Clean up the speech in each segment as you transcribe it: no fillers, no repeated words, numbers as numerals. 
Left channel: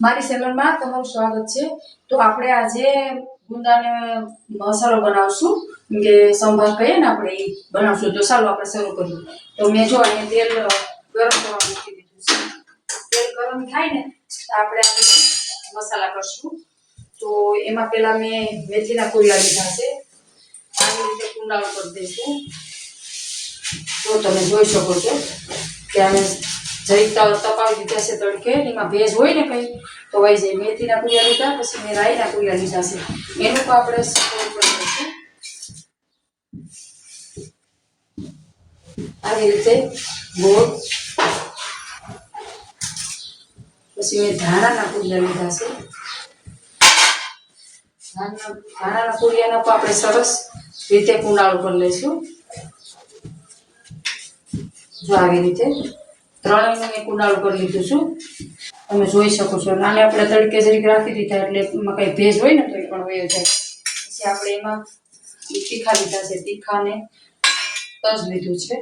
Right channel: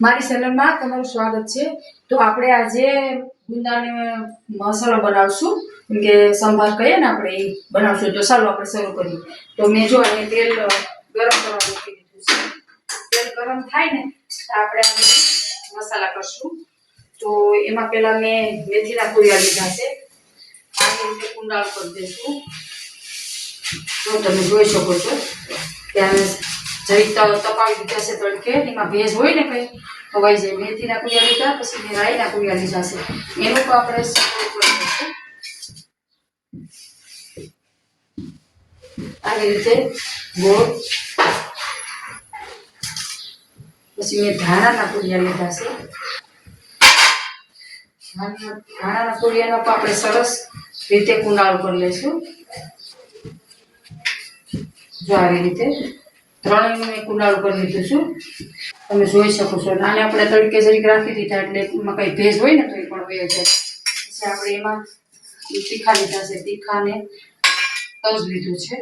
મારી ચેનલમાં તમારું સ્વાગત છે। તો આપણે આજે ગુંદાને મસાલો બનાવશું કે સંભાર કહીએ ને આપણે એ બનાવશું। તો ચાલો આપણે શરૂ કરીએ। તો મેં જો અહીં તેલ ગરમ કરવા મૂકી દીધું છે। તેલ ગરમ થાય ને તો આપણે મસાલા કરશું। તો એમાં પહેલા મેં મેથીના કુરિયા લીધા છે। આવી રીતે કુંડાળ કરી દઈશું। તો તમે જોઈ શકો છો કે આને જરી તપાવી દીધા છે તડકે, એમાં ભેજ હોય ને કંઈ તો વહી જાય। મેથીના કુરિયા લીધા, પછી મેં રાઈના કુરિયા લીધા છે, એનું તો આપણે સ્ટોર કરી દઈશું આવી રીતે ગોળ। પછી મેં ધાણાના કુરિયા લીધા છે। ધાણાના કુરિયાનો તો આપણે સરસ રીતે કુંડાળો કરી લઈશું। જો આવી રીતે ત્રણેયનું મેં કુંડાળું કરી લીધું છું, તમે જોઈ શકો છો। આને આપણે તડકે જરીક રાખી દીધા એટલે એમાં કંઈ ભેજ હોય ને તો એ પણ વયો જાય। પછી આપણે એમાં તીખા લીધા છે, તીખાને તજ લીધું છે,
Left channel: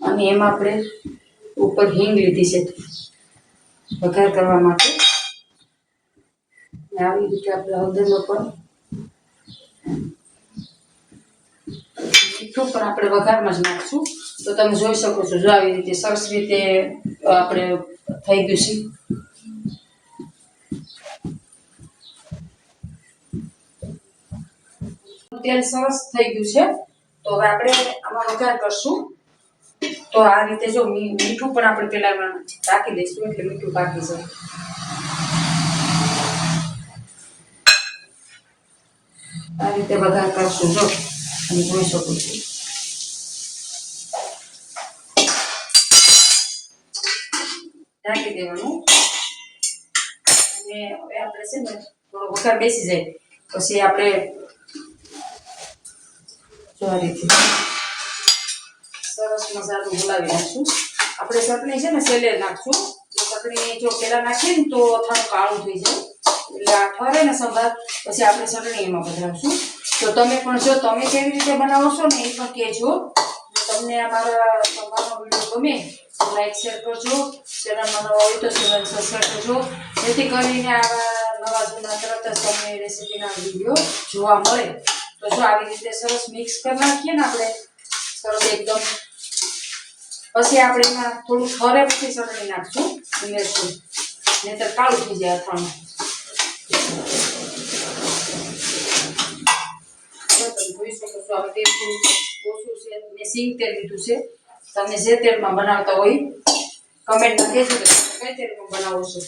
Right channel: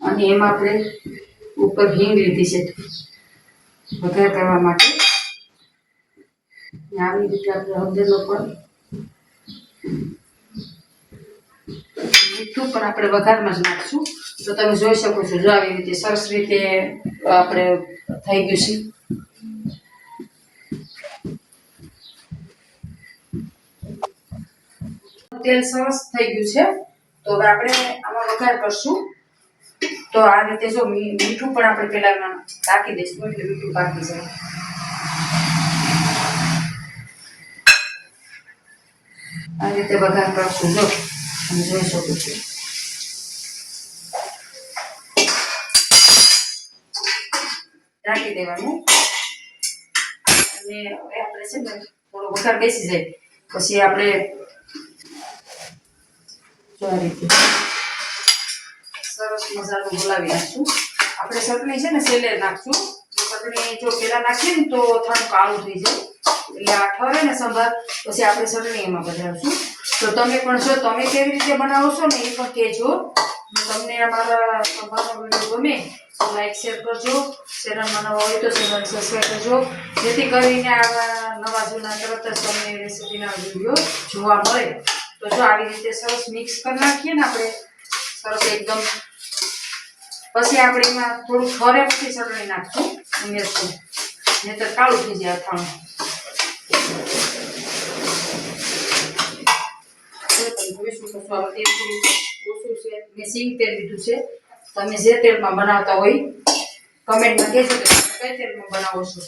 અને એમાં આપણે ઉપર હિંગ લીધી છે વઘાર કરવા માટે। આવી રીતે આપણે હળદરનો પણ મીઠું પણ આપણે વઘારમાં જ નાખશું। તો તમે જોઈ શકો છો, જો આવી રીતે સરસ રીતે આપણે થઈ ગયું છે। તેલ સરસ થઈ ગયું છે। તો હવે આપણે આમાં વઘાર કરશું। તો આ રીતે જો મીઠું પણ આપણે પહેલા ઢાંકી દઈશું એટલે મીઠું પાકી જાય। આ રીતે વઘાર કરશું, જો તમે જોઈ શકો છો। ઢાંકી દેવાનું, અને હવે આપણે છે ને થોડો વઘાર બેસી જાય પછી આપણે જો આ રીતે સરસ મસાલો બોલાવી નાખશું। આપણે ચટણી છે ને છેલ્લે નાખશું। ચટણી જો પહેલા નાખીએ ને તો થોડું કાળું થઈ જાય, એટલે આ ઠરે ને સંભાર પછી આપણે ચટણી એમાં પધરાવશું। તો તમે પણ જો તમે કેવી રીતે બનાવો છો ને એ પણ કહેજો। તમને અમારા સંભારનો વિડીયો ગમે તો લાઈક શેર કરજો। ચેનલમાં નવા હોય તો ચેનલ સબસ્ક્રાઈબ કરજો, જેથી કરીને આવા નવા જૂના તરત જ તમને રેસીપીના વિડીયો જોવા મળે। તો જો આવી રીતે સરસ મિક્સ કરી નાખીએ ને આપણે સરસ એકદમ, પછી આપણે એમાં થોડું ઠરે પછી ચટણી નાખશું, ઉમેરશું, નહીંતર કાળું થઈ જાય અથાણું। જોઈ શકો છો હવે તેલ થોડું ઓછું છે, મેં સિંગ તેલ લીધું છે। તમે જે તેલમાં બનાવતા હોય કમેન્ટમાં કહેજો કે તમે કઈ તેલમાં બનાવો છો।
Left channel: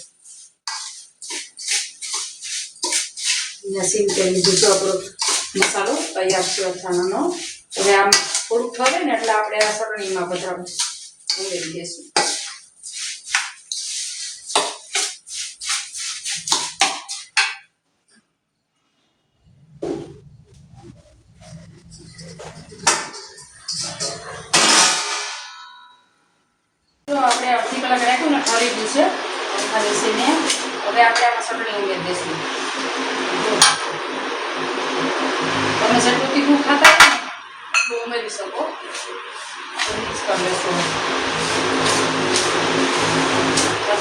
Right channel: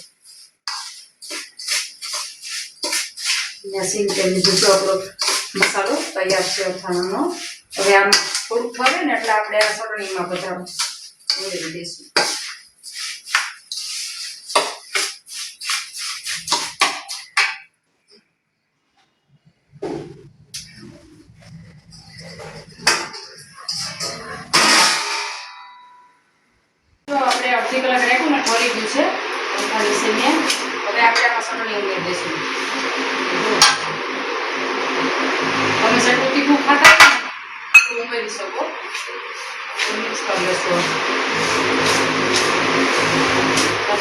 સિંગ તેલ લીધું છે, આપણો મસાલો તૈયાર છે અથાણાનો। હવે આમ થોડુંક ઠરે ને એટલે આપણે આ ચટણીમાં બધા ઉમેરી દઈશું। તો આપણે અડધી કલાક રાખ્યું ને ઠરી ગયું છે એના વિશે મેં, હવે આપણે આમાં ચટણી ઉમેરી દઈશું। તમે જેટલું તીખું ખાતા હોય ને એટલું ઉમેરી શકો। મિક્સ કરી લેશો,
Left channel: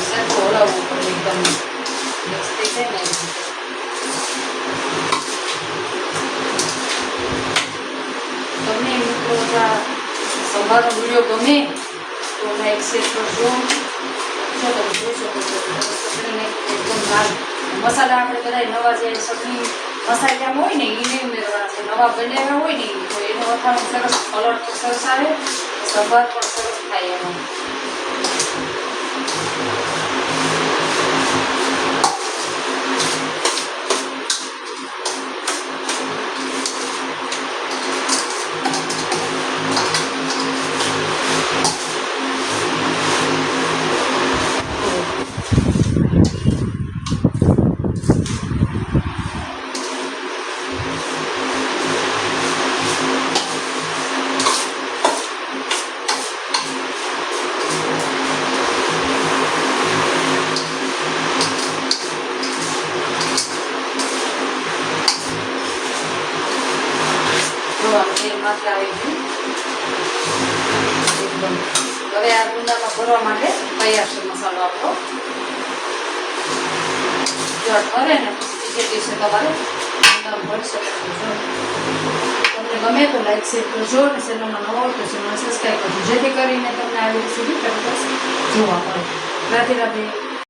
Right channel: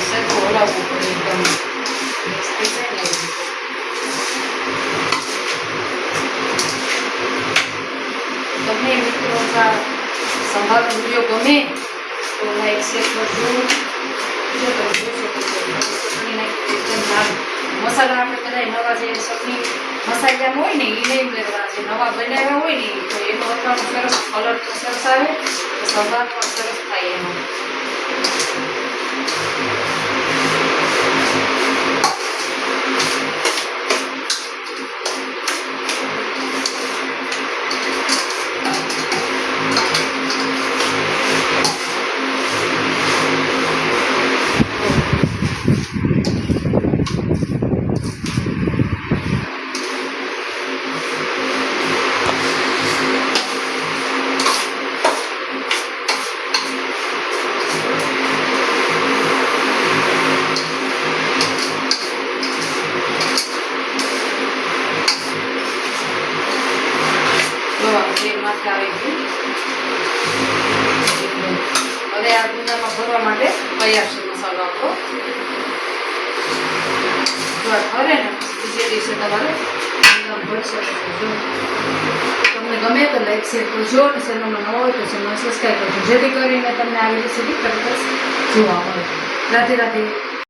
સરખું હલાવવું પડે, એકદમ મિક્સ થઈ જાય ને। તમને મિત્રો સંભારનો વિડીયો ગમે તો લાઈક શેર કરજો। જો તમે જોઈ શકો છો ચટણી નાખી એકદમ લાલ મસાલા આપણે કદાચ નવા જે ચટણી મસાલા હોય ને એ નહીં ઉમેરવાના છે, નવા બનાવ્યા હોય ને તો એનો અથાણું સરસ કલર તો સરસ આવે, સંભાર પણ સરસ થાય એનો। માથે આવી ગયું એકદમ। હવે આ ગુંદામાં ભરવા માટે તૈયાર છે મસાલો આપણો। એકવાર ઠરે ને બીજે દિવસે તમારે અંદર ભરી શકો છો. તમને ગમે તો લાઈક શેર કરજો અને ચેનલમાં ન હોય તો ચેનલ સબસ્ક્રાઈબ કરજો જેથી કરીને તમને આવી રેસીપી તરત જ જોવા મળે. રાધે રાધે.